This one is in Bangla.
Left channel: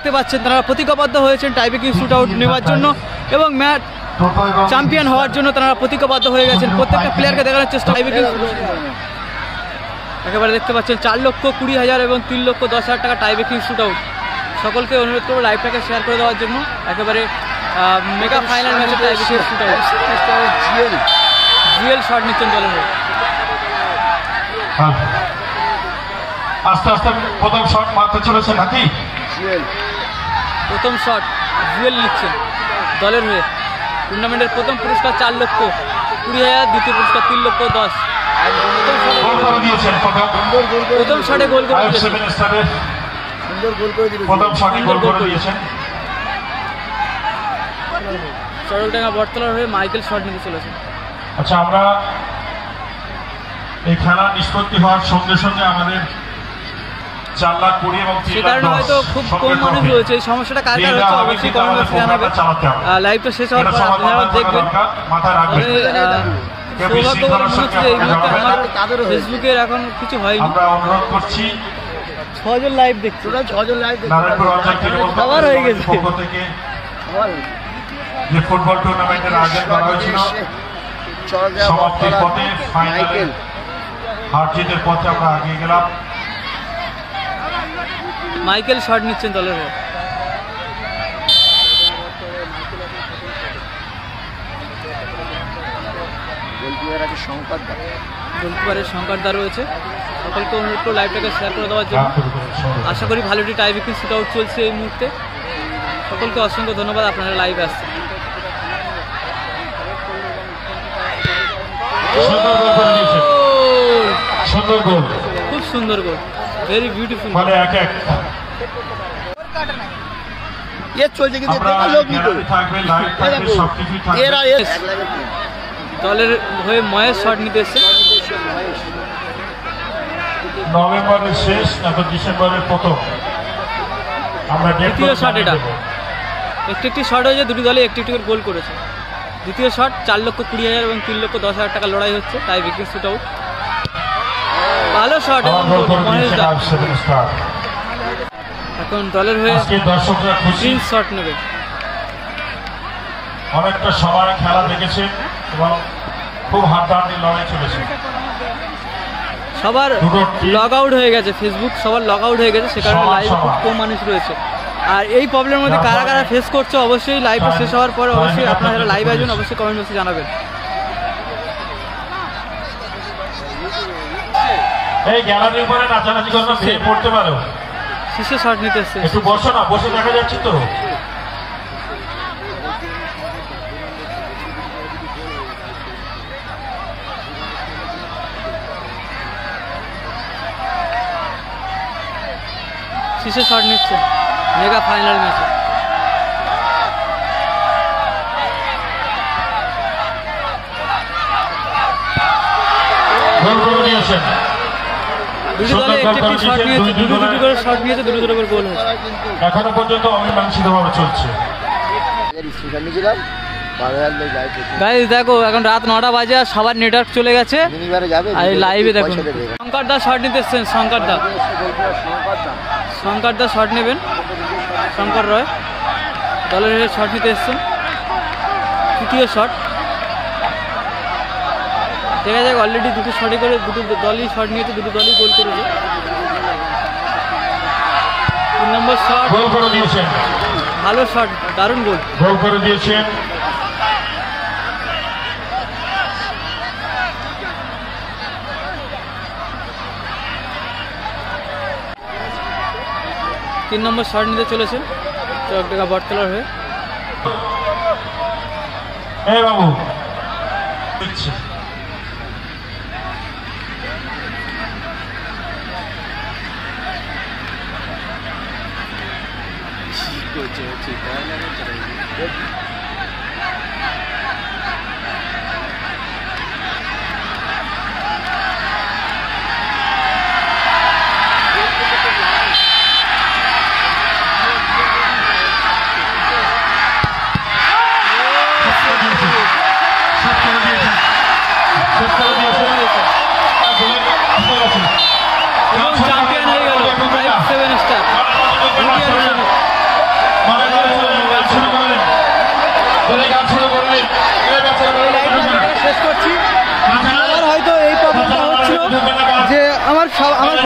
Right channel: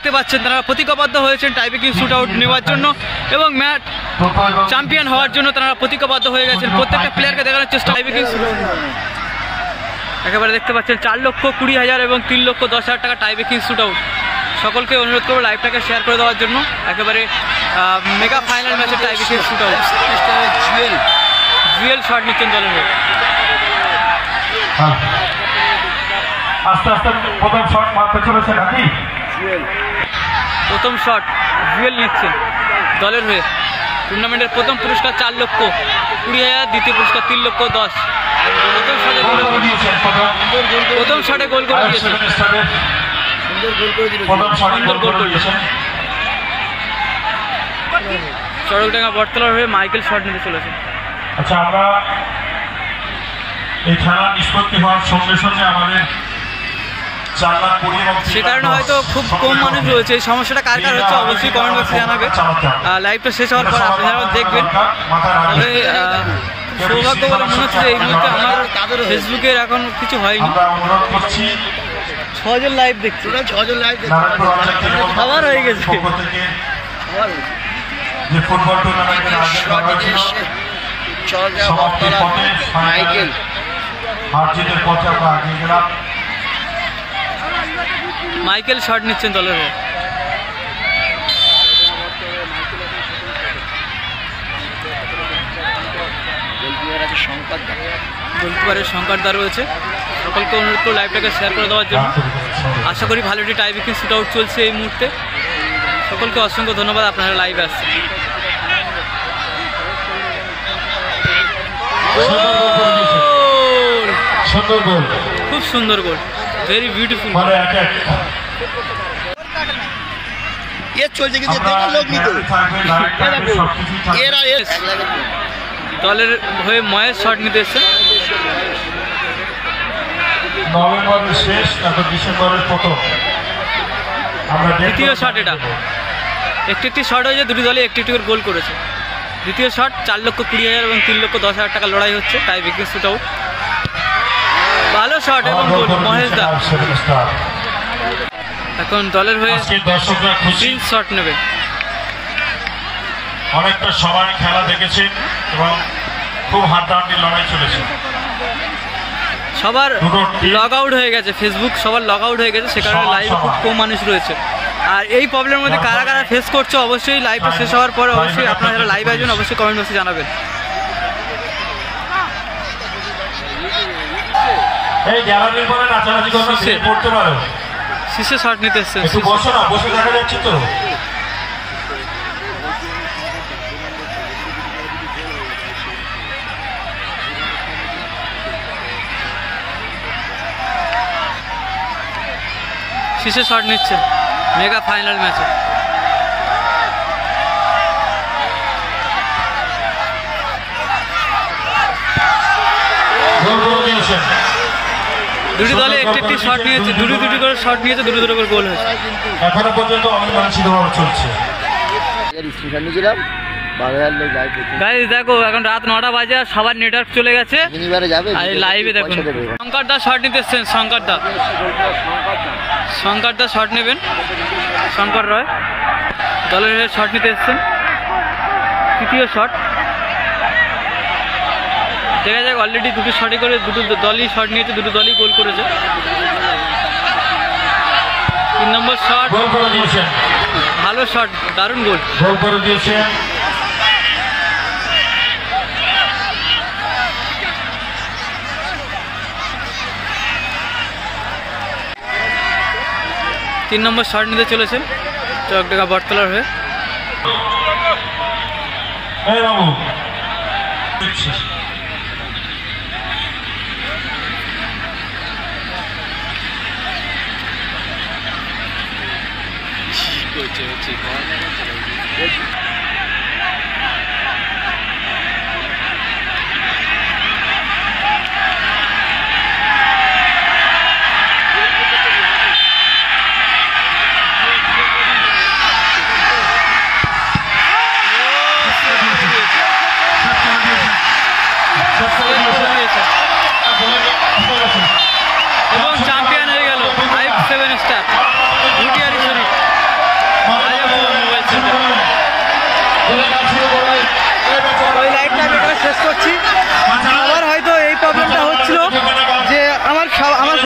দেখতে পাচ্ছেন তারা প্রতিজ্ঞাবদ্ধ হয়েছেন টাইব্রেকিং শুট আউট নেওয়ার জন্য এবং ম্যাচ চ্যাম্পিয়ন হওয়ার জন্য তারা প্রতিজ্ঞাবদ্ধ হয়ে গেছেন। প্রত্যেকটা প্লেয়ারকে দেখানোর চেষ্টা টাইব্রেকিং একেবারে দেখতে পাচ্ছেন 4,20,000 এবং 3,10,000 টাকা টাইব্রেকিং শুট আউট। সকলকে অনুরোধ করবো লাইভটাকে শেয়ার করে দেওয়ার জন্য। একেবারে মেগা ফাইনাল ম্যাচের tiebreaking shoot out. Jewel shot নিচ্ছেন দলের হয়ে। আস্তে আস্তে প্রথম শট মারতে চলেছে নাকি? প্রথম শট জুয়েল নিচ্ছেন দলের হয়ে। টুর্নামেন্টের প্রথম পুরস্কার 4,20,000, দ্বিতীয় পুরস্কার 3,10,000। প্রথম শটে গোল করে দিয়েছেন, সুন্দর গোল করে দিয়েছেন। চড়কডাঙ্গা বটতলার হয়ে মাইকেল শট নিতে চলেছে। আচ্ছা, আমরা এই খেলা নিষ্পত্তি হওয়ার সঙ্গে সঙ্গে আমাদের সে কারণে হয়তো খুব কম মানুষ রয়েছে। এই সমস্যাটা কার কার হচ্ছে অবশ্যই কমেন্ট বক্সে জানাবে। লাইভটা শেষ হওয়ার পর আপনারাও দেখবেন। তবে সৌভাগ্য বলে মনে হচ্ছে যে এই মুহূর্তে আমার ফেসবুকের এখন কিছু হয়নি। 6 জন লাইভ দেখছি, 6 জন লাইভ দেখছি, খাবার হয়ে গেছে। মাইকেল শট নিচ্ছেন দলের হয়ে। গোলকিপারের শঙ্করদা রয়েছে। সকলকে অনুরোধ করে লাইভটাকে শেয়ার করে দেওয়ার জন্য। আশা করি ভালো একটি টাইব্রেকিং শুট আউট চলছে এই মুহূর্তে। সকলকে অসংখ্য ধন্যবাদ, আপনারা লাইভে আসছেন। খুব সুন্দর গোল, ভেরি বিউটিফুল। দলের হয়ে মহেশ শট নিতে এসছে। নভেম্বরের শেষ নাকি ডিসেম্বরের প্রথম দ্বিতীয় শট। এটা একটি শট হয়েছে, দুটি দলে একটি করে গোল করেছে। দ্বিতীয় শট 4,20,000 এবং 3,10,000 টাকা লড়াই হচ্ছে টাইব্রেকিং শুট আউট। ভালো শট এবং গোল মহেশ দা। এখন দলের হয়ে প্রিন্স শট নেবে। অনেকটা সময় খেলা দেখেছেন এবং খুব হাড্ডাহাড্ডি লড়াই চলেছে। সবার লগ আউট হয়ে গেছে, ফেসবুক সবার লগ আউট হয়ে গেছে, সে কারণে লাইভে খুব কম মানুষ রয়েছে। আর এই প্রবলেমের মধ্যে কারা কারা ফেস করছে অবশ্যই লাইভটা শেষ হওয়ার পরে অবশ্যই আপনারা যারা লাইভে আসবেন অবশ্যই কমেন্ট বক্সে জানাবেন। এই গ্যালারির পরে নাচানাচি করতে পারো। শীর্ষে শট নিতে এসছেন। বসে না, বসে দেখা যাচ্ছে তো। শীর্ষে শট নিচ্ছে মেগা ফাইনাল ম্যাচে। দুটি দলে একটি শট নিয়েছে, দুটি করে শট নিয়েছে, দুটি করে গোল হয়েছে। এখনো পর্যন্ত অমীমাংসিতভাবে চলছে। গাইস দেখো এখন রাত 9টা বাজে আর সবার নেটওয়ার্ক চলে গেছে। আর লাইভে দেখুন শঙ্কর দা শট নিতে এসছেন। শঙ্কর দা শট নেবেন। শঙ্কর রয় দলের হয়ে শট নিতে এসছেন। তৃতীয় শট দেখা যাক। অলরেডি দুটো শটই করে দুটো দলই শট নিয়েছে, দুটো দলই গোল করেছে। 3 নম্বর শট, ভালো শট, দারুণ গোল করে দিয়েছে। তিন নম্বর শট নিতে চলেছেন চকডাঙ্গা বটতলার হয়ে। এবং চ্যাম্পিয়ন হয়ে গেল 5-7 স্টার ভুটিয়ারি শরীফ। শেষ করছি। আবার হয়তো এই প্রবলেমটা হচ্ছিল যে আমার